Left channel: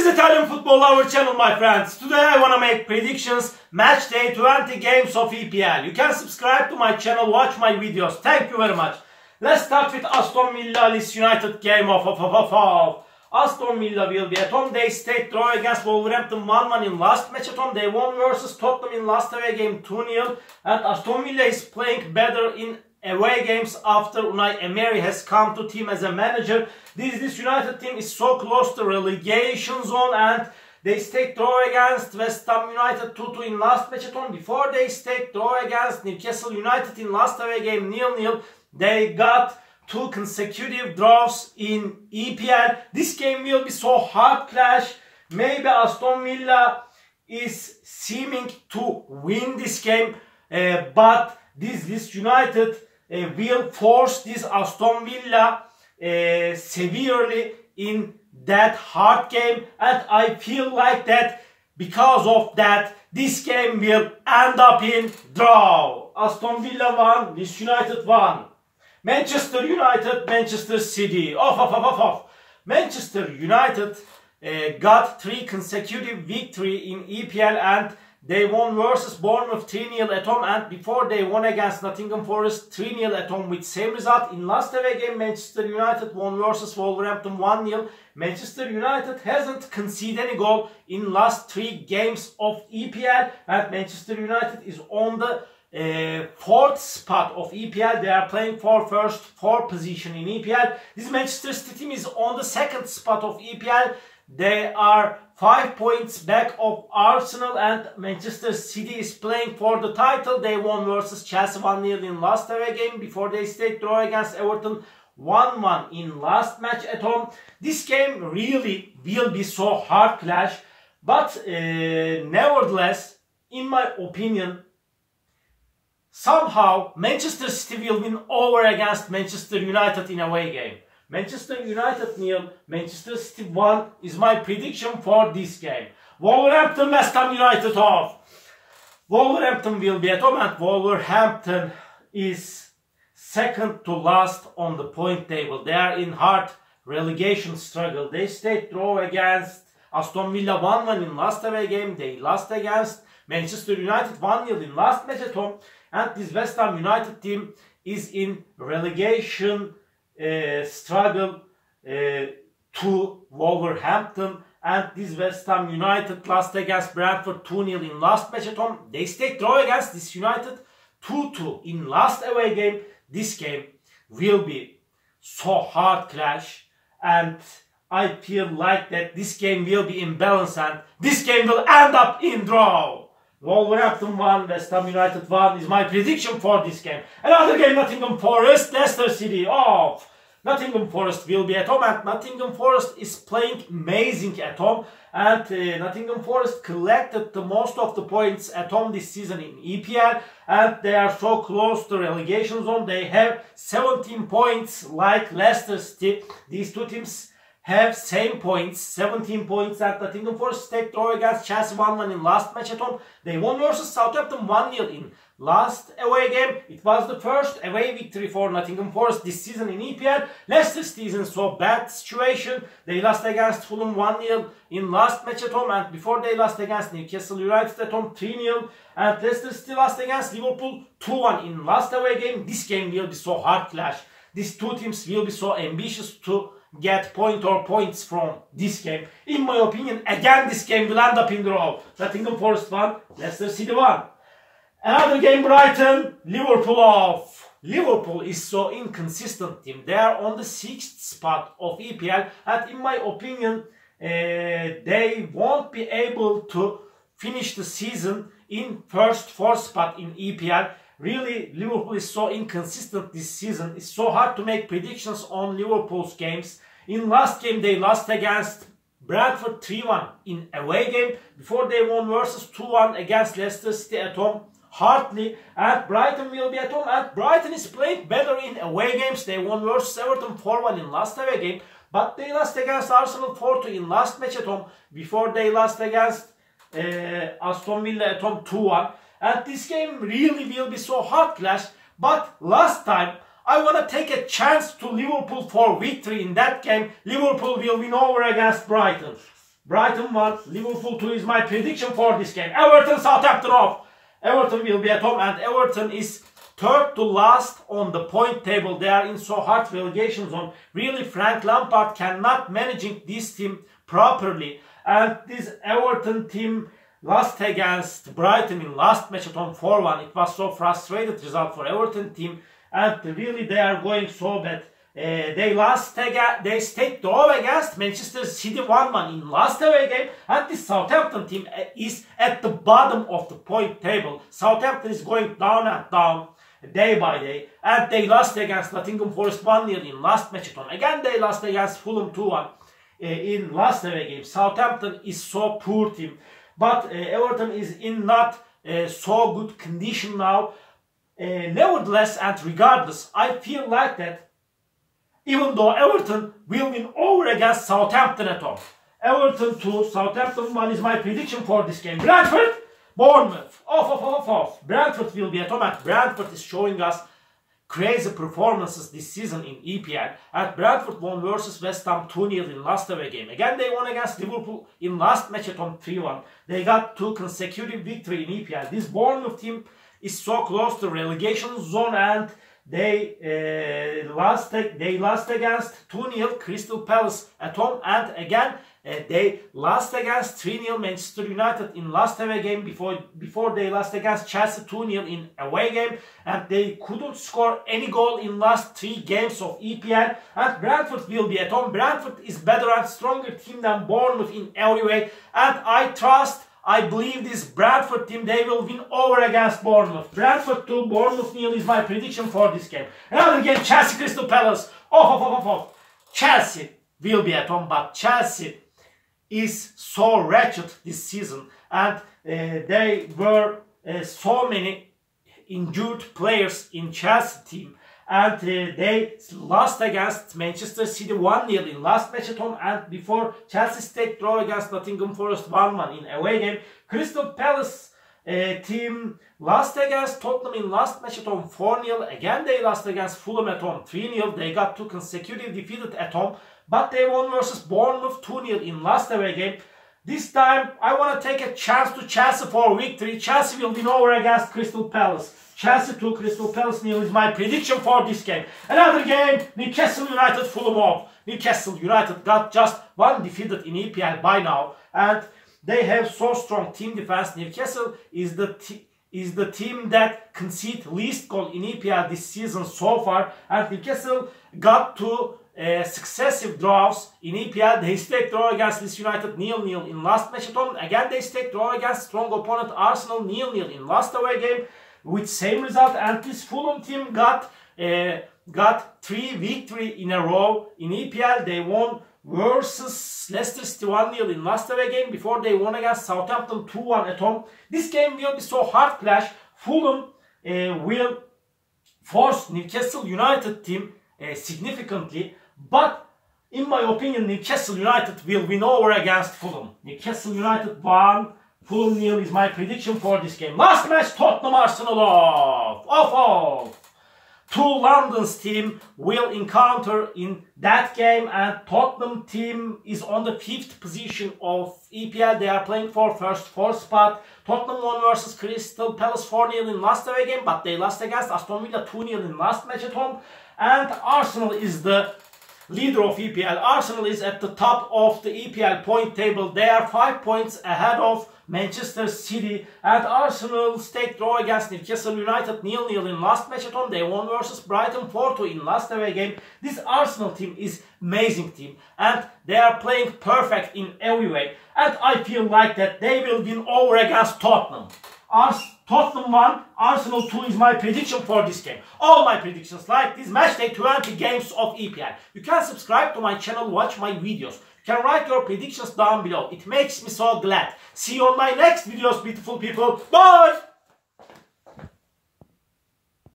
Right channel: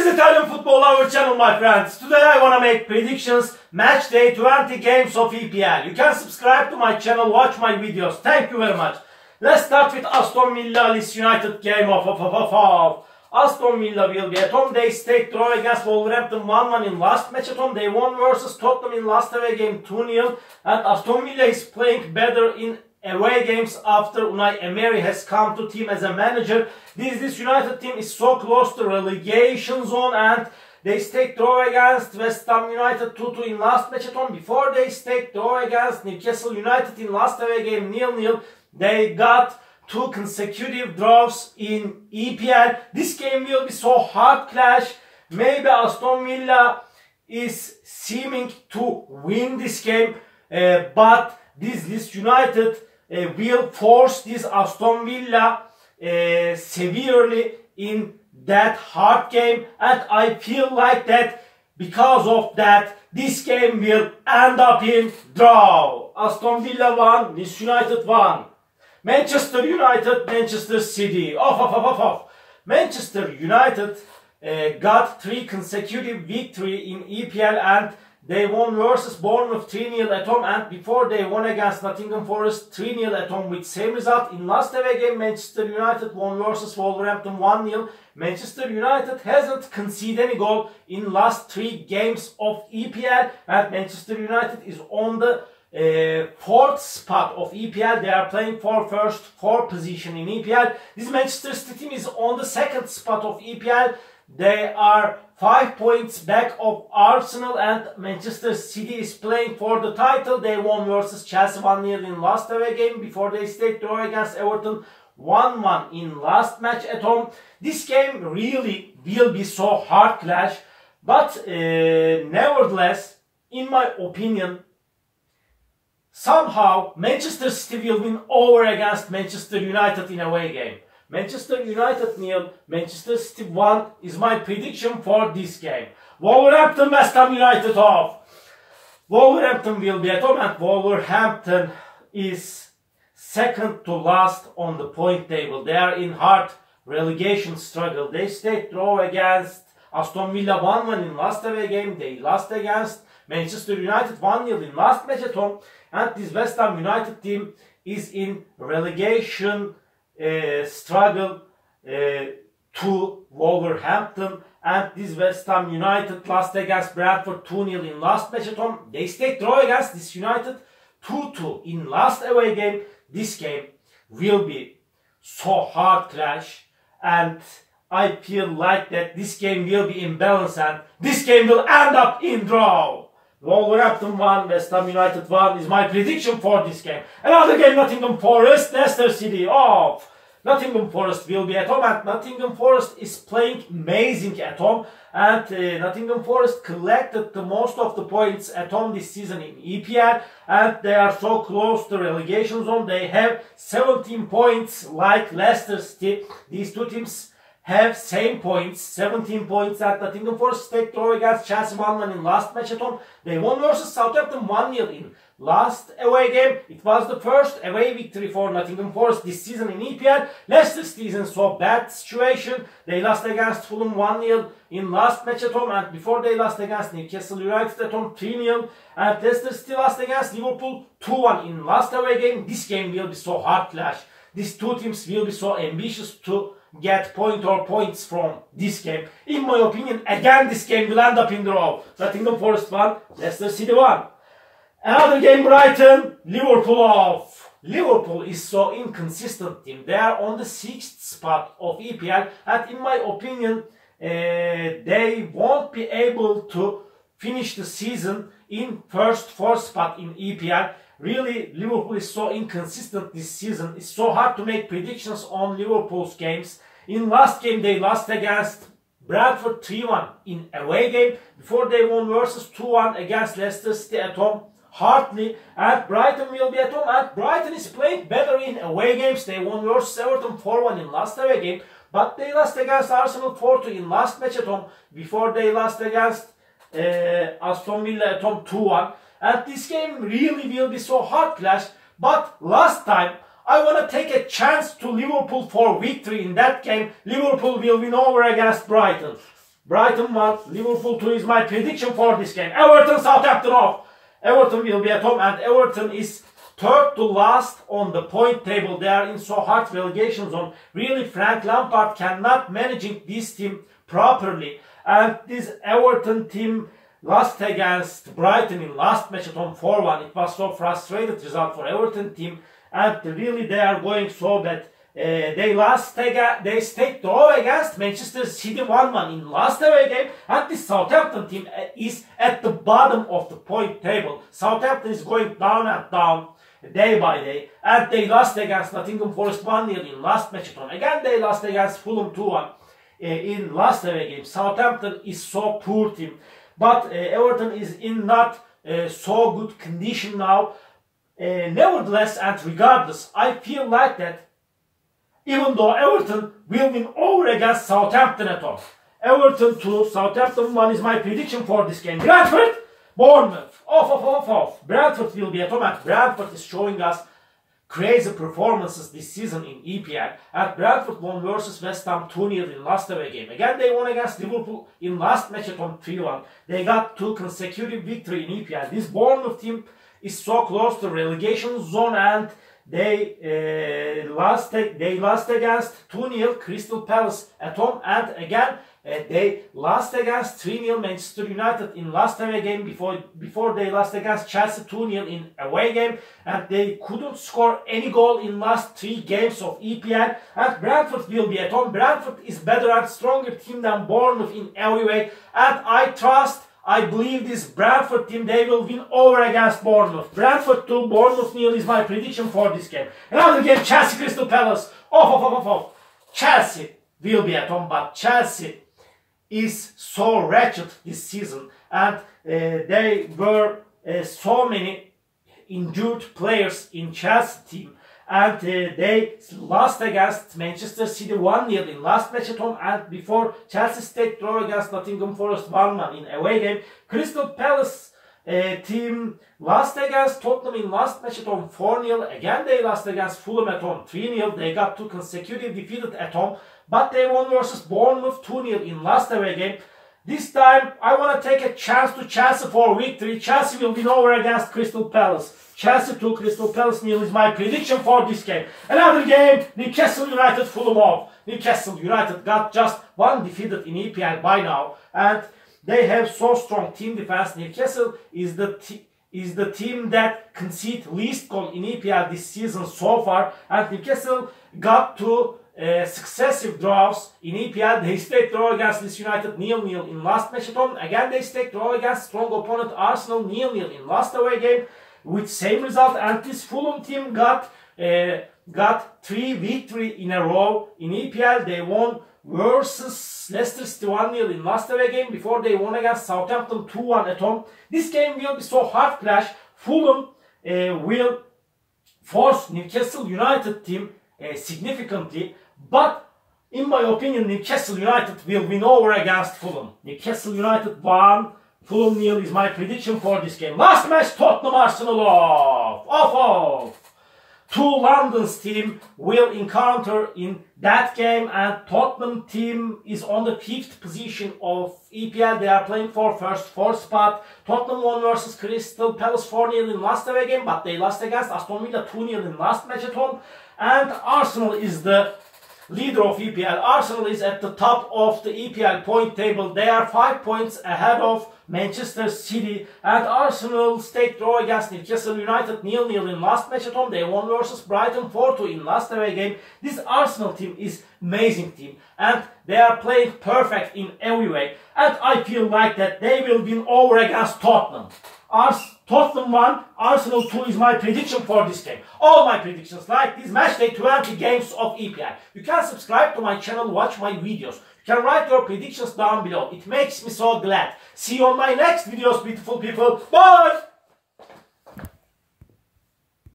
This is Italian Football Lover channel, my friends. Today I want to make predictions, match day 20 games of EPL. You can subscribe to my channel, watch my videos. Thank you very much. Let's start with Aston Villa Leeds United game of Aston Villa will be at home. They stayed draw against Wolverhampton 1-1 in last match at home. They won versus Tottenham in last away game 2-0. And Aston Villa is playing better in away games after Unai Emery has come to team as a manager. This United team is so close to relegation zone, and they stayed draw against West Ham United 2-2 in last match at home. Before they stayed draw against Newcastle United in last away game 0-0. They got 2 consecutive draws in EPL. This game will be so hard clash. Maybe Aston Villa is seeming to win this game, but this United will force this Aston Villa severely in that hard game, and I feel like that because of that this game will end up in draw. Aston Villa 1, this United 1. Manchester United, Manchester City. Manchester United got 3 consecutive victory in EPL, and they won versus Bournemouth 3-0 at home, and before they won against Nottingham Forest 3-0 at home with same result. In last away game, Manchester United won versus Wolverhampton 1-0. Manchester United hasn't conceded any goal in last 3 games of EPL, and Manchester United is on the 4th spot of EPL. They are playing for first 4 position in EPL. This Manchester City team is on the 2nd spot of EPL. They are 5 points back of Arsenal, and Manchester City is playing for the title. They won versus Chelsea 1-0 in last away game before they stayed draw against Everton 1-1 in last match at home. This game really will be so hard clash, but nevertheless, in my opinion, somehow Manchester City will win over against Manchester United in away game. Manchester United 0, Manchester City 1 is my prediction for this game. Wolverhampton, West Ham United off. Wolverhampton will be at home, and Wolverhampton is 2nd to last on the point table. They are in hard relegation struggle. They stayed draw against Aston Villa 1-1 in last away game. They lost against Manchester United 1-0 in last match at home. And this West Ham United team is in relegation struggle to Wolverhampton, and this West Ham United lost against Brentford 2-0 in last match at home. They stayed draw against this United 2-2 in last away game. This game will be so hard clash, and I feel like that this game will be imbalanced, and this game will end up in draw. Wolverhampton 1, West Ham United 1 is my prediction for this game. Another game, Nottingham Forest, Leicester City off. Nottingham Forest will be at home, and Nottingham Forest is playing amazing at home, and Nottingham Forest collected the most of the points at home this season in EPL, and they are so close to relegation zone. They have 17 points like Leicester City. These two teams have same points, 17 points, and Nottingham Forest stayed draw against Chelsea 1-1 in last match at home. They won versus Southampton 1-0 in last away game. It was the first away victory for Nottingham Forest this season in EPL. Leicester City is in so bad situation. They lost against Fulham 1-0 in last match at home, and before they lost against Newcastle United at home 3-0. And Leicester City lost against Liverpool 2-1 in last away game. This game will be so hard clash. These two teams will be so ambitious to get points from this game. In my opinion, again this game will end up in draw. Nottingham Forest 1, Leicester City 1. Another game, Brighton, Liverpool off. Liverpool is so inconsistent team. They are on the 6th spot of EPL, and in my opinion, they won't be able to finish the season in first 4 spot in EPL. Really, Liverpool is so inconsistent this season. It's so hard to make predictions on Liverpool's games. In last game, they lost against Brentford 3-1 in away game. Before they won versus 2-1 against Leicester City at home hardly. And Brighton will be at home. And Brighton is playing better in away games. They won versus Everton 4-1 in last away game. But they lost against Arsenal 4-2 in last match at home. Before they lost against Aston Villa at home 2-1. And this game really will be so hard clash. But last time I want to take a chance to Liverpool for victory in that game. Liverpool will win over against Brighton. Brighton 1, Liverpool 2 is my prediction for this game. Everton, Southampton off. Everton will be at home, and Everton is third to last on the point table. They are in so hard relegation zone. Really, Frank Lampard cannot managing this team properly. And this Everton team lost against Brighton in last match at home 4-1. It was so frustrated result for Everton team. And really, they are going so bad. They stayed draw against Manchester City 1-1 in last away game, and the Southampton team is at the bottom of the point table. Southampton is going down and down day by day, and they lost against Nottingham Forest 1-0 in last match at home. Again, they lost against Fulham 2-1 in last away game. Southampton is so poor team, but Everton is in not so good condition now. Nevertheless and regardless, I feel like that even though Everton will win over against Southampton at home. Everton 2, Southampton 1 is my prediction for this game. Brentford, Bournemouth, off. Brentford will be at home, and Brentford is showing us crazy performances this season in EPL. And Brentford won versus West Ham 2-0 in last away game. Again, they won against Liverpool in last match at home 3-1. They got 2 consecutive victory in EPL. This Bournemouth team is so close to relegation zone, and they lost against 2-0 Crystal Palace at home, and again they lost against 3-0 Manchester United in last away game before they lost against Chelsea 2-0 in away game, and they couldn't score any goal in last 3 games of EPL. And Brentford will be at home. Brentford is better and stronger team than Bournemouth in every way, and I believe this Brentford team, they will win over against Bournemouth. Brentford 2, Bournemouth 0 is my prediction for this game. Another game, Chelsea Crystal Palace. Off. Chelsea will be at home, but Chelsea is so wretched this season. And there were so many injured players in Chelsea team. And they lost against Manchester City 1-0 in last match at home, and before Chelsea stayed draw against Nottingham Forest 1-1 in away game. Crystal Palace team lost against Tottenham in last match at home 4-0. Again, they lost against Fulham at home 3-0. They got 2 consecutive defeated at home, but they won versus Bournemouth 2-0 in last away game. This time, I want to take a chance to Chelsea for victory. Chelsea will win over against Crystal Palace. Chelsea 2, Crystal Palace 0 is my prediction for this game. Another game, Newcastle United Fulham off. Newcastle United got just 1 defeated in EPL by now, and they have so strong team defense. Newcastle is the team that concede least goal in EPL this season so far, and Newcastle got 2 successive draws in EPL. They stayed draw against Leeds United 0-0 in last match at home. Again, they stayed draw against strong opponent Arsenal 0-0 in last away game with same result. And this Fulham team got 3 victory in a row in EPL. They won versus Leicester City 1-0 in last away game before they won against Southampton 2-1 at home. This game will be so hard clash. Fulham will force Newcastle United team significantly, but in my opinion, Newcastle United will win over against Fulham. Newcastle United 1, Fulham 0 is my prediction for this game. Last match, Tottenham Arsenal off. 2 London's team will encounter in that game, and Tottenham team is on the 5th position of EPL. They are playing for first 4 spot. Tottenham won versus Crystal Palace 4-0 in last away game, but they lost against Aston Villa 2-0 in last match at home. And Arsenal is the leader of EPL. Arsenal is at the top of the EPL point table. They are 5 points ahead of Manchester City, and Arsenal stayed draw against Newcastle United 0-0 in last match at home. They won versus Brighton 4-2 in last away game. This Arsenal team is amazing team, and they are playing perfect in every way, and I feel like that they will win over against Tottenham. Tottenham 1, Arsenal 2 is my prediction for this game. All my predictions like this match day 20 games of EPL. You can subscribe to my channel, watch my videos. You can write your predictions down below. It makes me so glad. See you on my next videos, beautiful people. Bye!